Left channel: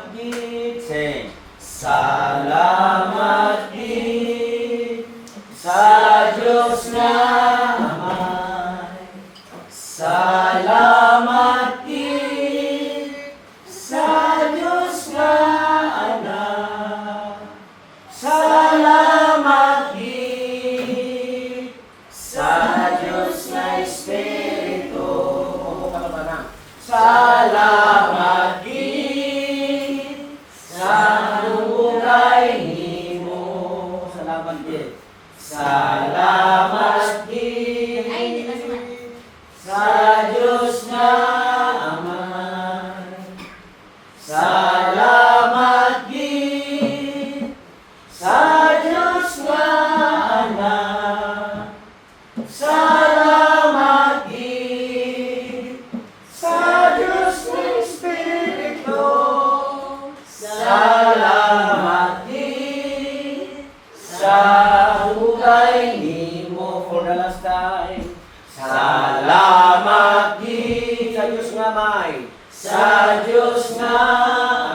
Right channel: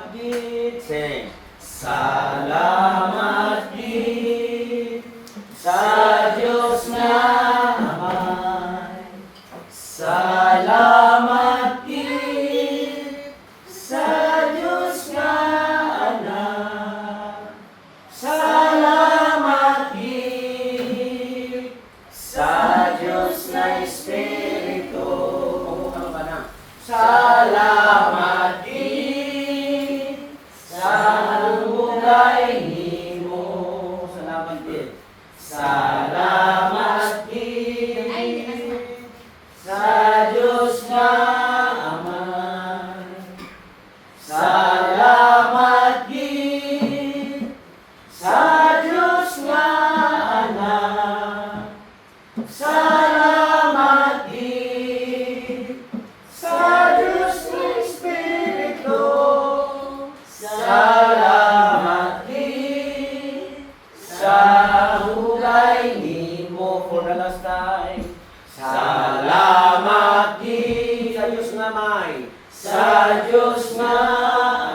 Salamat gid. Sing. Salamat gid sa Diyos nga Amay. Salamat gid sa Diyos nga Anak. Salamat gid sa Diyos nga Espiritu. Salamat gid sa bulay nimo. Salamat gid. Salamat gid sa Diyos nga Amay. Salamat gid sa Diyos nga Anak. Salamat gid sa Diyos nga Espiritu. Salamat gid sa hulay nimo. For the last time. Salamat gid sa Diyos nga Amay. Sa Diyos nga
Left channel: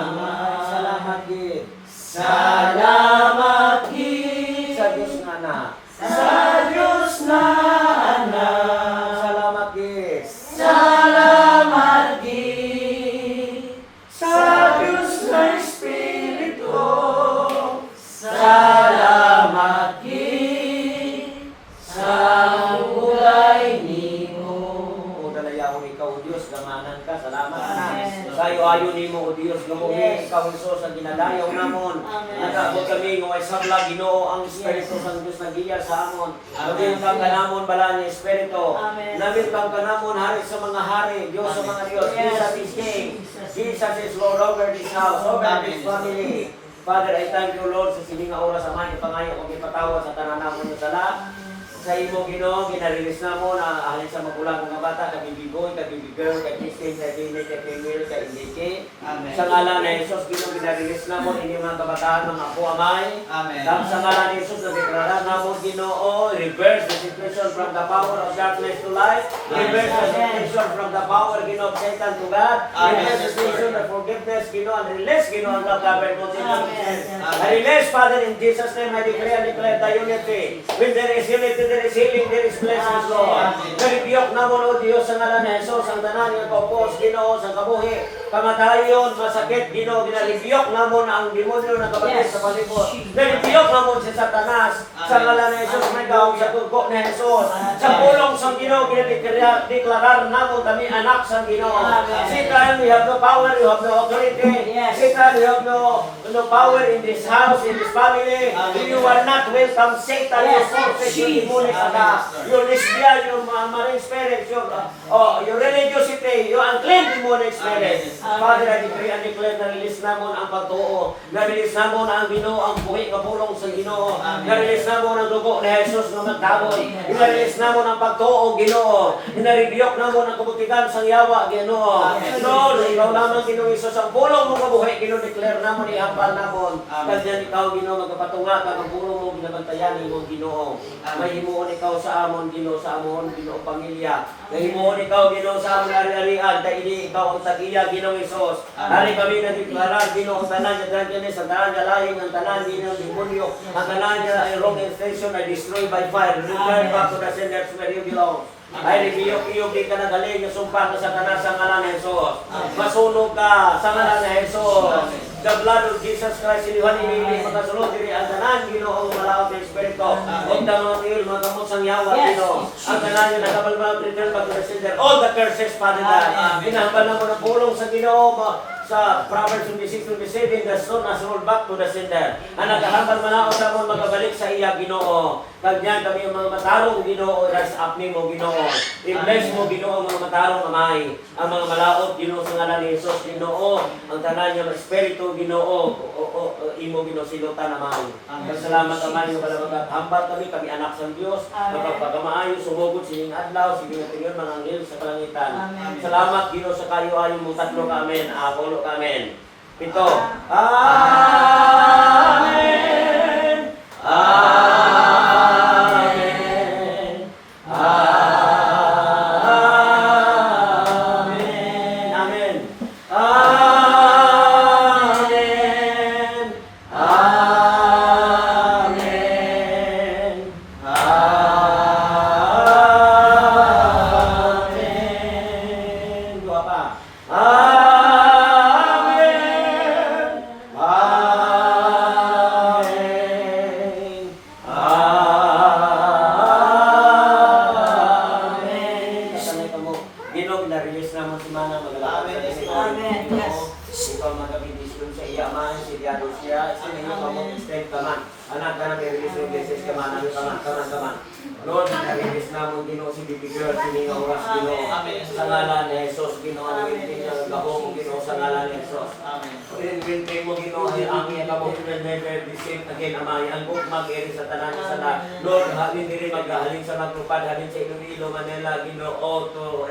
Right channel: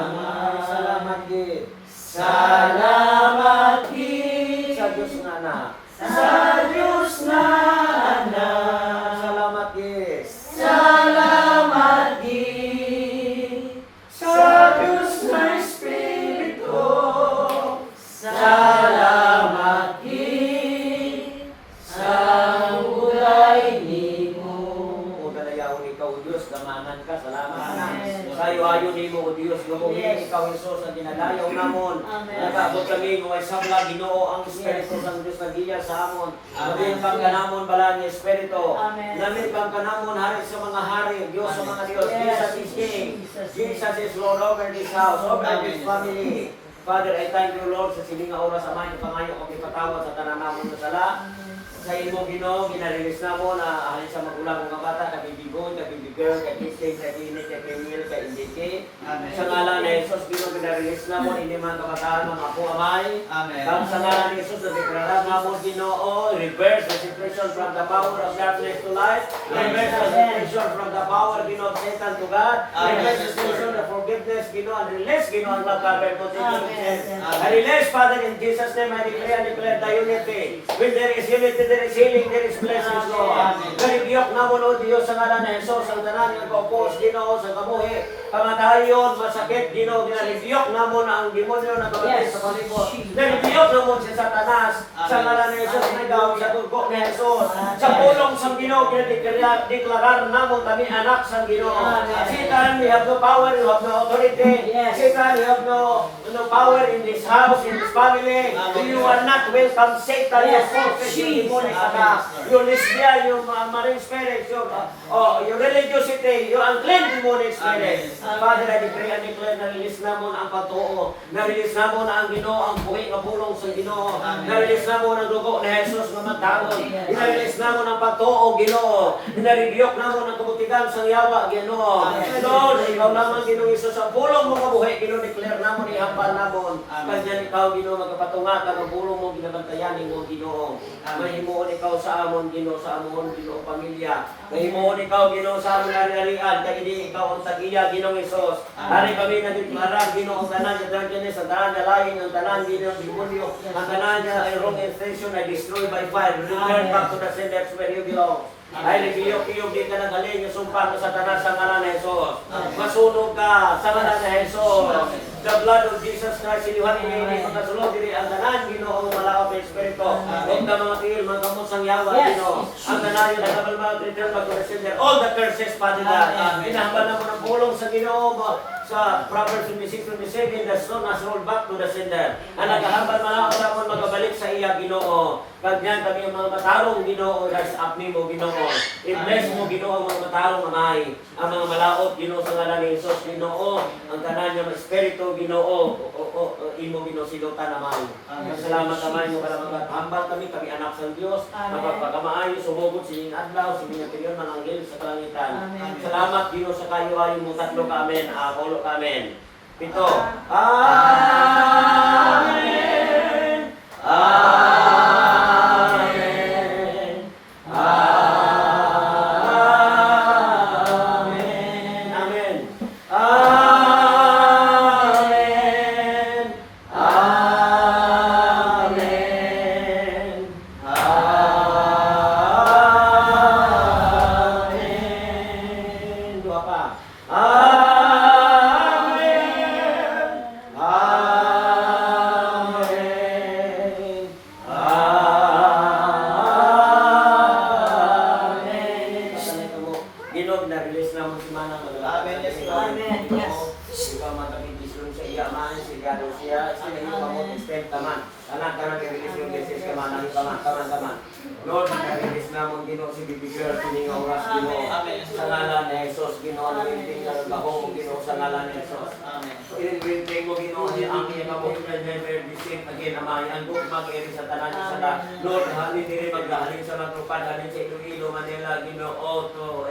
Amay. Salamat gid. Salamat gid sa Diyos nga Anak. Sa Diyos nga Anak. Salamat gid. Salamat gid sa Diyos nga Espiritu. Salamat gid sa hulay nimo. O dalayahon ikaw, Diyos, gamanan ka. Salamat. Sayo-ayo nimo, O Diyos, gumuhin ikaw, Isos, ang ginadayaw namon. Nag-abot kami ng isabla, Ginoo, ang Espiritu sa Diyos nagiya sa amon. Maging kang kanamon bala ni Espiritu. Namin kang kanamon hari sa mga hari, Diyos sa mga Diyos. Jesus is King. Jesus is Lord over this house, over this family. Father, I thank you, Lord, sa sininga oras sa mga ipangayo o ipatawad sa tanan namon ng sala. Sa imo, Ginoo, ginarilis na mo na ahalin sa magulang mga bata, kay baby boy, kay baby girl, kay Christine, kay Binet, kay Camille, kay Indike. Sa ngalan ni Jesus, Ginoo, ginarilis na mo, hindi mga kabataan, mga apo amay. At sa ngalan ni Jesus, nagdeklarar na mo, Ginoo, reverse the situation from the power of darkness to light. Reverse the situation from the power, Ginoo, of Satan to God. Reverse the situation of forgiveness, Ginoo, and release, Ginoo, and love, God, I release, Father, in Jesus' name, I declare and declare the unity. When there is unity, there is healing, there is blessings, Lord. Karibiyok na mo, Lord Diyos, sa ngalan ni Jesus, ang tanan ng kaupos, Ginoo, sa kabuhi, kamatayon, masakit, Ginoo, ginaribiyok na mo na ang demonyo na kabatid sa palibot. Naribiyok na mo si Satanas, sa ngalan ni Jesus, nagaw sa tugko ni Jesus. Sa pulong sa Ginoo, ginadiklarar na mo, kami anak sa Ginoo. Satan, we have no power, you have no authority. Satan, you have no power in this house, in this family. You are not welcome, Satan, you forfeit your demonic attack, your lesbian, your marine spirits, your religiosity, your unclean demonic spirits. Father, I decree and declare na release na mo ang pagtuo, na release na mo na ang Ginoo, ang buhi na pulong sa Ginoo, na release na mo ng dugo ni Jesus na magtabon, na release na mo ng pagtuo, Ginoo, na-rebuke na mo ng kabutikan sa yawa, Ginoo. Lord, ikaw naman, Ginoo Jesus, ang pulong mo kabuhi, Ginoo, declare na mo ni Hambal na mo. Kanya ikaw, Ginoo, magkapatunga ka, ang pulong mo, ginabantayan mo, Ginoo. May himuon ikaw sa amon, Ginoo, sa amon, Ginoo, pamilya. May himuon ikaw, Ginoo, sa amon, ari-arian, kaya hindi ikaw ang tagiya, Ginoo Jesus. Hari kami nagdeklara, Ginoo, ang tanan niya drunkenness, ang tanan niya lying, ang tanan niya demonyo, ang tanan niya ay wrong intention, ay destroyed by fire. Return back to the senders where you belong. Ay ribiyok-iyok di ka nagaling, sumpa ka sa tanan sa ngalan ni Jesus. Masunog ka sa ngalan ni Jesus. The blood of Jesus Christ, iniwan ini magkasulod diri ang tanan, Ginoo, ang malakap ng Espiritu. Huwag na mga tingil, mga gamot sang yawa, Ginoo. Ang tanan niya nakabalbal, return back to the sender. All the curses, Father God. Hinahambal na mo ng pulong sa Ginoo, sa Proverbs 26:27, the stone has rolled back to the sender. Ang nagahambal malakaw sa mo magabalik sa iya, Ginoo. Kagyan kami ang mga matarong, Ginoo, rise up ni mo, Ginoo. I-bless mo, Ginoo, ang mga matarong amay. Ang mga malaot, Ginoo, sa ngalan ni Jesus, Ginoo. Ang tanan niya ng Espiritu, Ginoo, imo, Ginoo, silutan amay. Salamat amay, yung kalabagat. Hambal kami anak sa Diyos. Mapagpakamaayo, sumugod, sining adlaw, sining atinyon, mga anghel sa kalangitan. Salamat, Ginoo, sa kayo ayon mo tatlo ka, amen. Apolo ka, amen. Pito. Amen. Amen. Amen. Amen. Amen. kaman. Lord, narinis na mo Ginoo si Baby Girl, sining oras Ginoo. Sa ngalan ni Jesus, Ginoo, ang inting gaho mo Ginoo sa ngalan ni Jesus. Inting mo Ginoo, ang iya ka mo never be seen again, Amay. Ang buk mag-eri sa tanan sa na. Lord, halin diri maghalin sa magtupad, halin sa Iloilo, Manila, Ginoo, to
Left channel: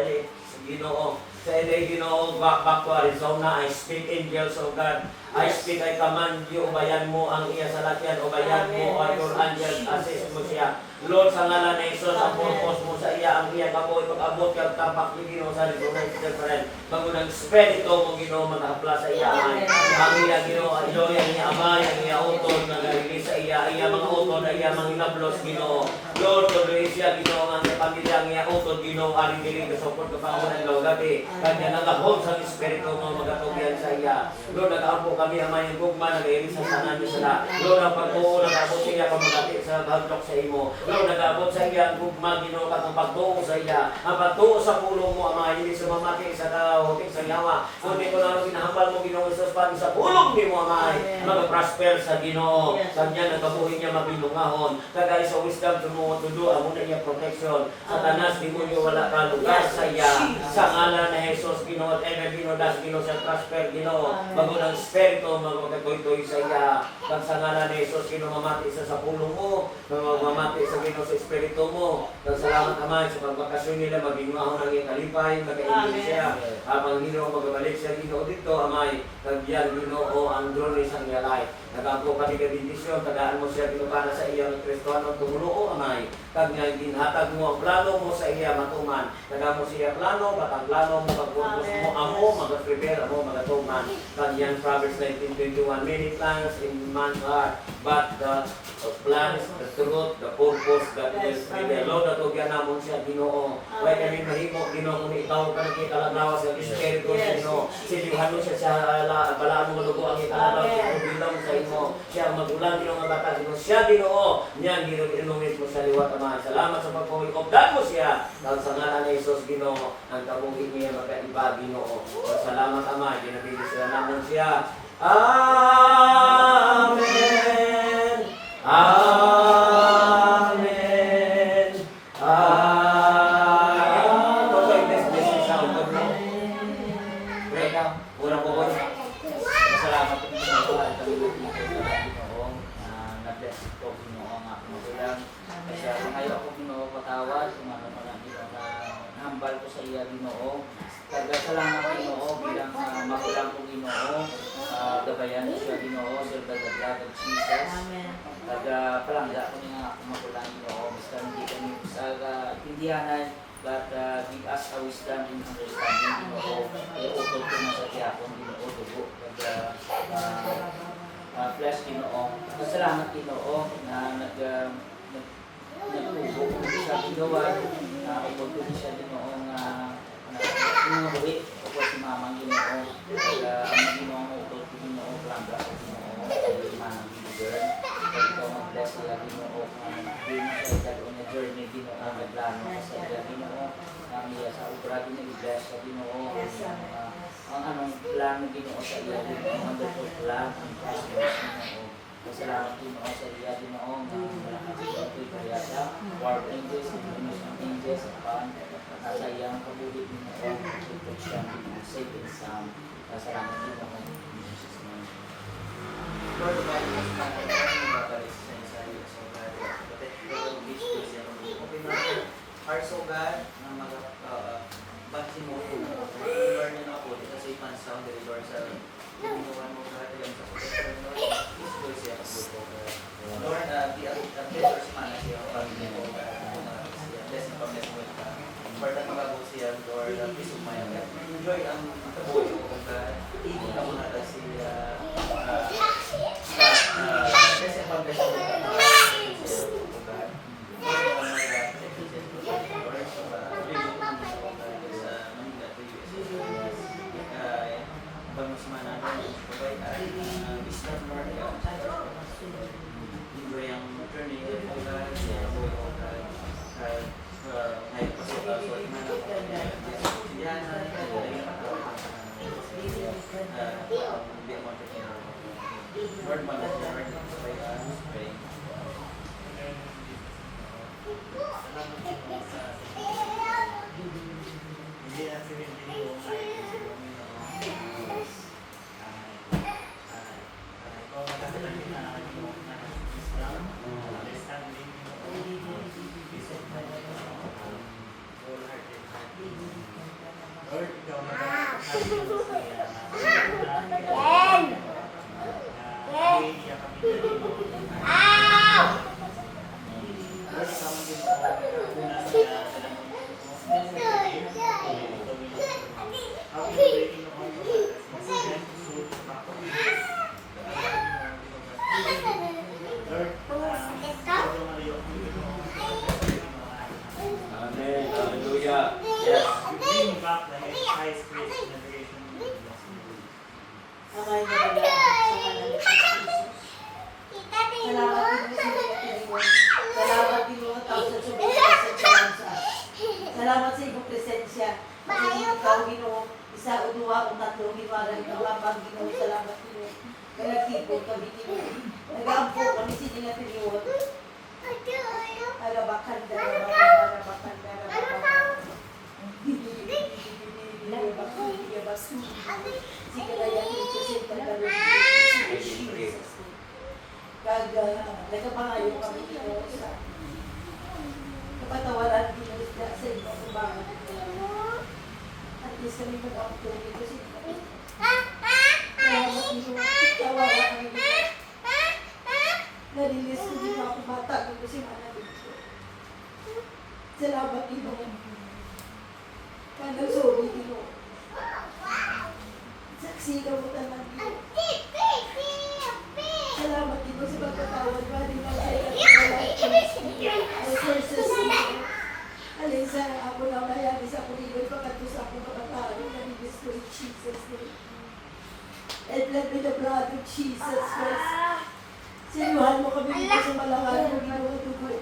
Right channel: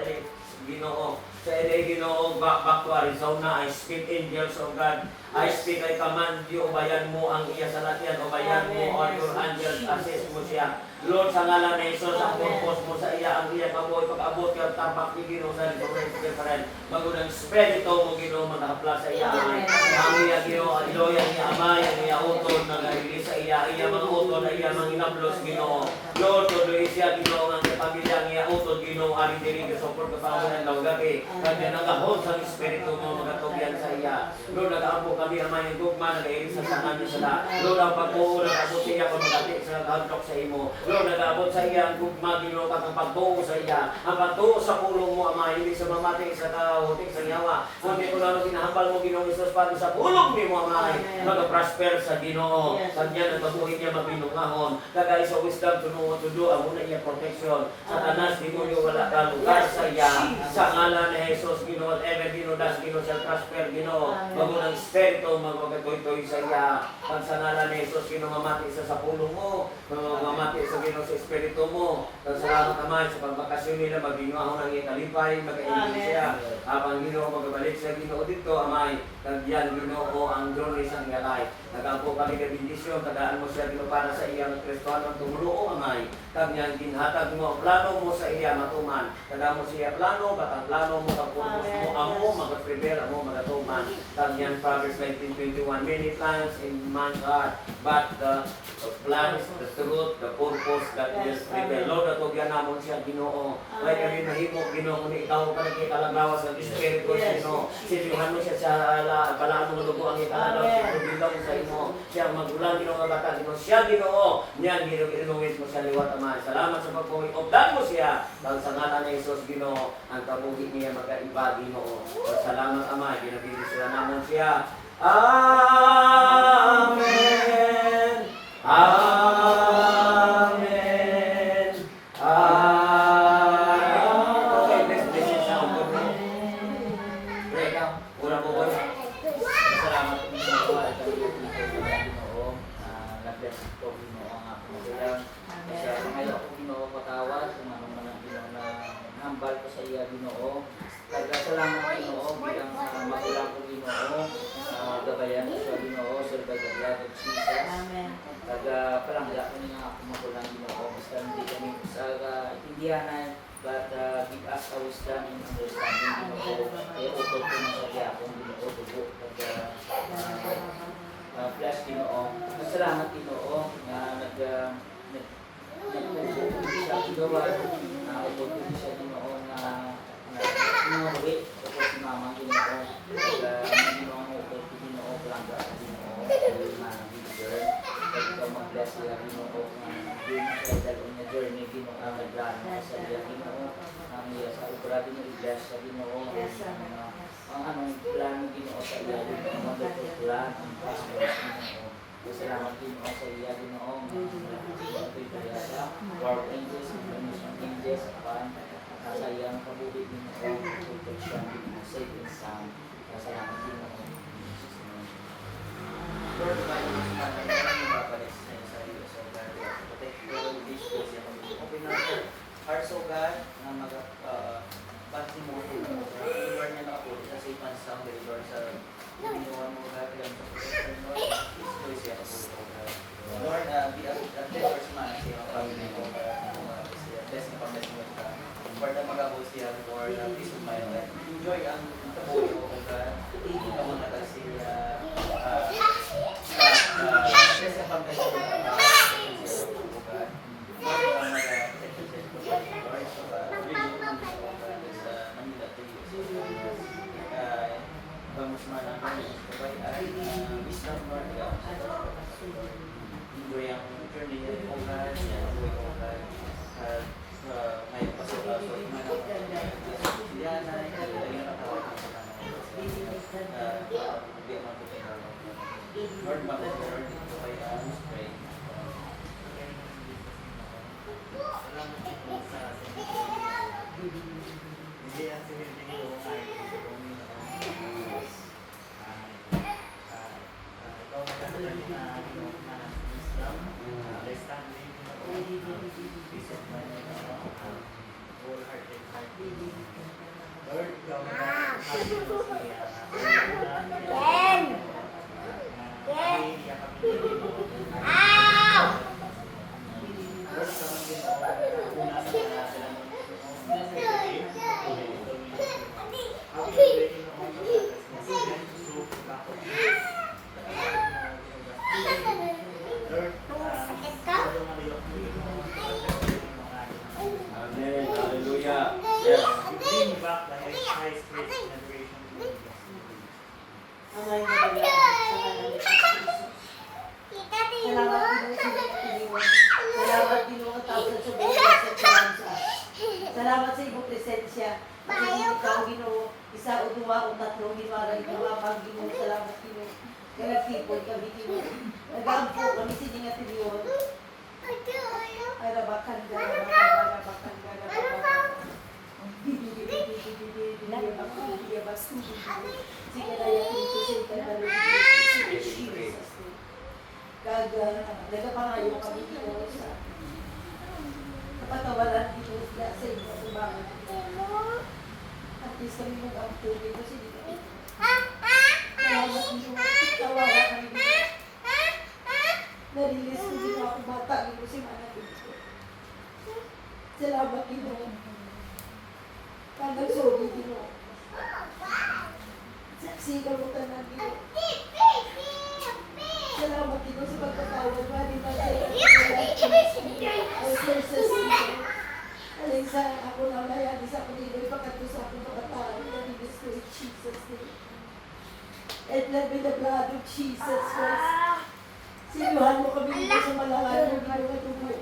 Ginoo. Sa ilay Ginoo, back to Arizona, I speak angels of God. I speak, I command you, ubayan mo ang iya sa latyan, ubayan mo ang your angels, assist mo siya. Lord, sa ngalan na Jesus, ang purpose mo sa iya, ang iya kamoy, pag-abot yung tampak ni Ginoo sa Arizona, friend. Magunang spirito mo Ginoo, mag-hapla sa iya, Amay. Ang iya Ginoo, ang iloya niya, Amay, ang iya utod, nag-release sa iya, iya mga utod, iya mga inablos, Ginoo. Lord, tuloy siya, Ginoo, ang pamilya niya, utod, Ginoo, ari diri, support ka pa mo ng gabi. Kanya nag-hold sa espiritu mo, magatugyan sa iya. Lord, nag-apo kami, Amay, ang gugma, nag-iilis sa sanan niya sila. Lord, ang pag-uo, nag-abot siya, kung magati sa handok sa imo. Lord, nag-abot sa iya, ang gugma, Ginoo, katong pag-tuo sa iya. Ang pag-tuo sa pulong mo, Amay, hindi sa mamati sa kahutik sa yawa. Kundi ko na ginahambal mo, Ginoo, Isus, pati sa pulong ni mo, Amay, mag-prosper sa Ginoo. Kanya nagkabuhin niya mabinungahon. Kagay sa wisdom, tudo, amo na niya protection. Sa tanas, demonyo, wala ka lugar sa iya. Sa ngalan na Jesus, Ginoo, whatever Ginoo, das Ginoo, sa prosper, Ginoo. Bago ng Espiritu, magkatoy-toy sa iya. Kang sa ngalan na Jesus, Ginoo, mamati isa sa pulong mo. Mamati sa Ginoo sa Espiritu mo. Kang salamat naman sa pagbakasyon nila, maginwahon ang iyong kalipay, magkainin siya. Habang Ginoo, magabalik siya, Ginoo, dito, Amay. Nagyan, Ginoo, ang journey sa iyong life. Nag-ampo ka ni kabindisyon, tagaan mo siya, Ginoo, para sa iyang Kristohanong tumuloo, Amay. Kanyang ginhatag mo, plano mo sa iya matuman. Tagaan mo siya plano, batang plano mo, pagpupos mo, amo, mag-prepare mo, magatuman. Kanyang Proverbs 19:21, many plans in man's heart, but the plans, the truth, the purpose, that will prevail. Lord, natugyan namon siya, Ginoo. Kaya kami mahimo, Ginoo, kung ikaw ka nagkikalaglawas ng Espiritu, Ginoo. Silihan mo siya sa balaan mo lugo ang ikalagaw, Ginoo, bilong sa imo. Siya magulang, Ginoo, nga bata, Ginoo. Siya, Ginoo, niyan, Ginoo, ilungit mo sa liwat, Amay. Salamat sa pagpuwi. Obdan mo siya. Dahil sa ngalan ni Jesus, Ginoo, ang kabuhi niya magkaiba, Ginoo. Salamat, Amay. Binabili sila naman siya. Amen. Amen. Amen. Okay, bless you sa ulo. Pray ka. Una po po. Salamat po sa mga Ginoo. Na-bless ko Ginoo ang aking magulang. Kasi ngayon ako Ginoo patawad, umano mo na Ginoo na hambal ko sa iya Ginoo. Kaya salamat Ginoo bilang magulang ko Ginoo. Gabayan siya Ginoo sa blood of Jesus. Kaya palangga ko nga ako magulang Ginoo. Basta hindi kami sa intindihanan, but give us a wisdom and understanding Ginoo. Kaya utol ko na sa diakon Ginoo, dugo. Kaya bless Ginoo. Salamat Ginoo na nagtubo siya Ginoo. Nagtubo siya Ginoo nga inuwi ko si Mamang Ginoo. Kaya ang Ginoo mo utol ko Ginoo, palangga ko Ginoo. Kaya Mamang Ginoo. Kaya ikaw mag-bless nila Ginoo. Hindi mo siya dalo na journey Ginoo. Nagplano sa iya Ginoo. Ang iya sa ubra din i-bless sa Ginoo. Ang anong plano Ginoo sa iya Ginoo. Ang wonderful plan. Ang prosperous Ginoo. Salamat Ginoo sa iya Ginoo. Ang kaya sa Lord angels, information angels, nasa iyang kabuhi Ginoo. Protection, safe and sound. Salamat Ginoo. Lord, tumayo mo sa mga nababalik sa sarili sa God. Protect the beach ko siya. Open natin hearts of God na mag-bati mo. Lord na ako. Kasi ipan sound deliver sa ginawa mo God. Yan sa protection Lord. Beach ko siya po. Lord, be a first man na siya. Pag-ibig mo. Bless na pag-bless mo ito. For the mga siya, Lord, peace of mind. Enjoy ang kabuhi mo God. Hindi na muna kasi kasi ang pag-bless mo enjoy ang journey mo God, sa buhay mo God. Ngayon pasok ako sa iman ako. Yan na, peace of mind, wholehearted heart. Lord, ikaw magkakasabi mo siya. Amen. Hallelujah. Yes. Bring back the high spirits in adoration to you. Amay na bala sa kanila sa Jesus. Salamat din mo ang tawag sa subukan sa tsansa. Salamat sa iyong presensya. Kasi ikaw, Ginoo, isa o dua o tatlo, gimarang ito ang Ginoo. Salamat, Ginoo. Nagkipon kami, Ginoo. Nag-aampo kami sininga tiniyon. Arabakan, darabakan. Sige na yan, ito sa ikalalo. Nagkapangayo kami dito sa kapatawaran dito sa inyo sa bangon. At least kami mag-ampo dito sa inyo. Salamat dito na tawara kami dito. Nalilis ko din ako bata dito si Mana dito. Salamat dito. Kandang sorry dito. Saksi ka mo tanan dito. Salamat dito sa pagkatawad ka din ang sa'yo. Ay, Jesus, alin sa ako na layani sa paniloy, pagkato sa akong pagkatawad, nanibis ko in Jesus' name. And let me the blood of Jesus Christ. Sinuhan mo kami dito sa malangan ng ginawa tubo.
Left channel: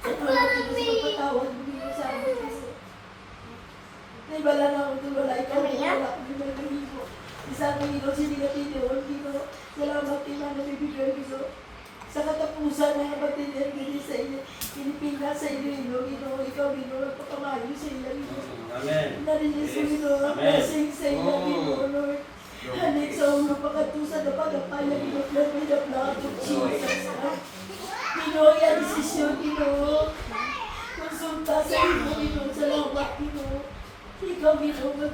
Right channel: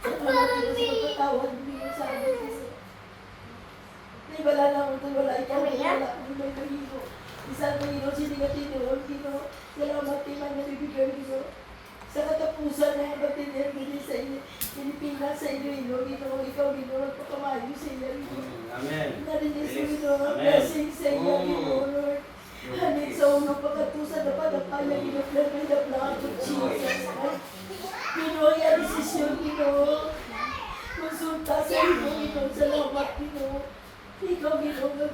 Salamat dito sa pagkatawad mo dito sa amin kasi. Naibala na ako doon, wala ikaw, wala ako doon may kahino. Isang kahino, sinigatin yun, Gino. Salamat kayo na nabibigay, Gino. Sa katapusan na batiner, Gino, sa iyo, Pilipinas, sa iyo, Gino, ikaw, Gino, magpakamayo sa iyo, Gino. Amen. Narinis mo, Gino, Amen. blessing sa iyo, Gino, Lord. Hanin sa ulo pagkatusan na panapaya, Gino, may the blood of Jesus. Gino, yan desisyon, Gino. Konsulta sa iyo, Gino, salamat, Gino. Ikaw, Gino,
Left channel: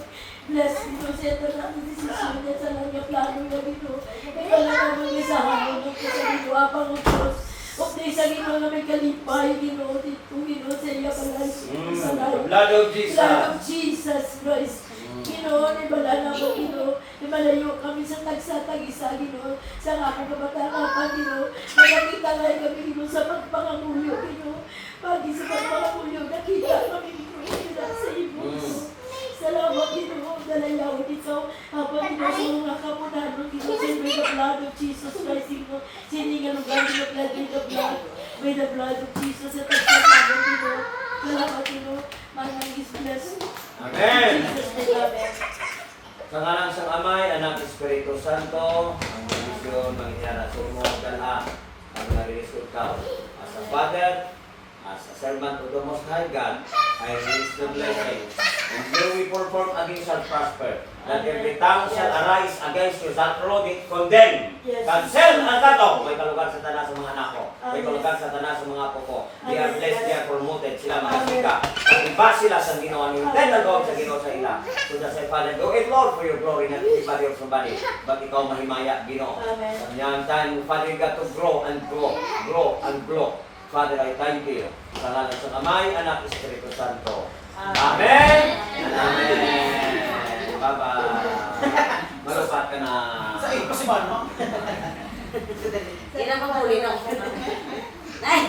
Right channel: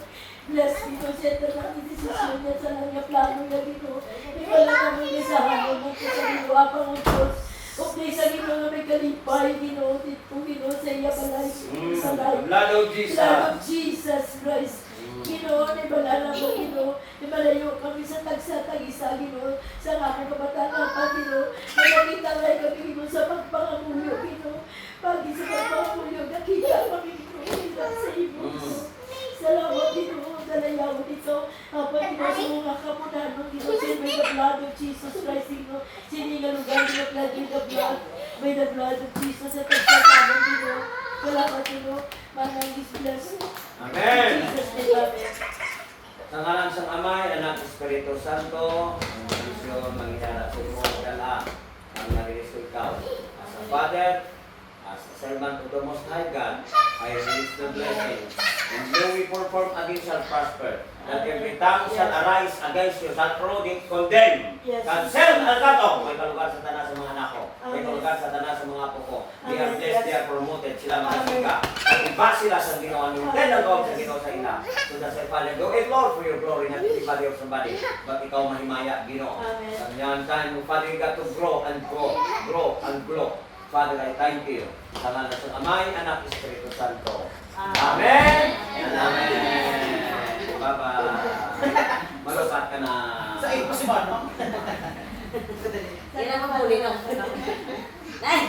bless Gino, sa ito na desisyon niya sa mga plano niya, Gino. Ikaw lang naman isahan mo sa Gino, apang ang Diyos. O sa Gino na may kalipay, Gino, dito, Gino, sa iya palay, sa life. Blood of Jesus. Blood of Jesus Christ. Gino, nibala na mo, Gino. Nimalayo kami sa tagsa-tagisa, Gino. Sa akong kabataan, Gino. Nakakita lang kami, Gino, sa pagpangamulyo, Gino. Pagi sa pagpangamulyo, nakita kami, Gino, sa ibos. Salamat, Gino. Dalayaw ikaw. Habang Gino, sa mga kamunan mo, Gino, siyempre the blood of Jesus Christ, Gino. Siningalugan, Gino, by the blood of Jesus at tagsa-tagisa, Gino. Salamat, Gino. Manang is blessed. Amen. Jesus, amen. Sa ngalan sang Amay, Anak, Espiritu Santo, ang misyon, mangyara sa mo, gala, ang nag-result ka. As a Father, as a servant of the Most High God, I release the blessing. And no weapon formed against shall prosper. That every tongue shall arise against you, shall truly condemn. Yes. Cancel ang kato. May kalugar sa tanan sa mga anak ko. May Amen. kalugar sa tanan sa mga apo ko. They are Amen. blessed, they are promoted. Sila mga Amen. sika. At iba sila sa ginawa ni Then ang gawin sa ginawa sa ila. So that sa Father, do it Lord for your glory, not everybody or somebody. But ikaw mahimaya, Ginoo. Amen. Sa niyang time, Father, you got to grow and grow. Grow and grow. Father, I thank you. Sa ngalan sa Amay, Anak, Espiritu Santo. Amen. And amen. Bye-bye. Malupat ka na. Sa iyo pa si Mano. Hindi na maghuli na ako. Ay!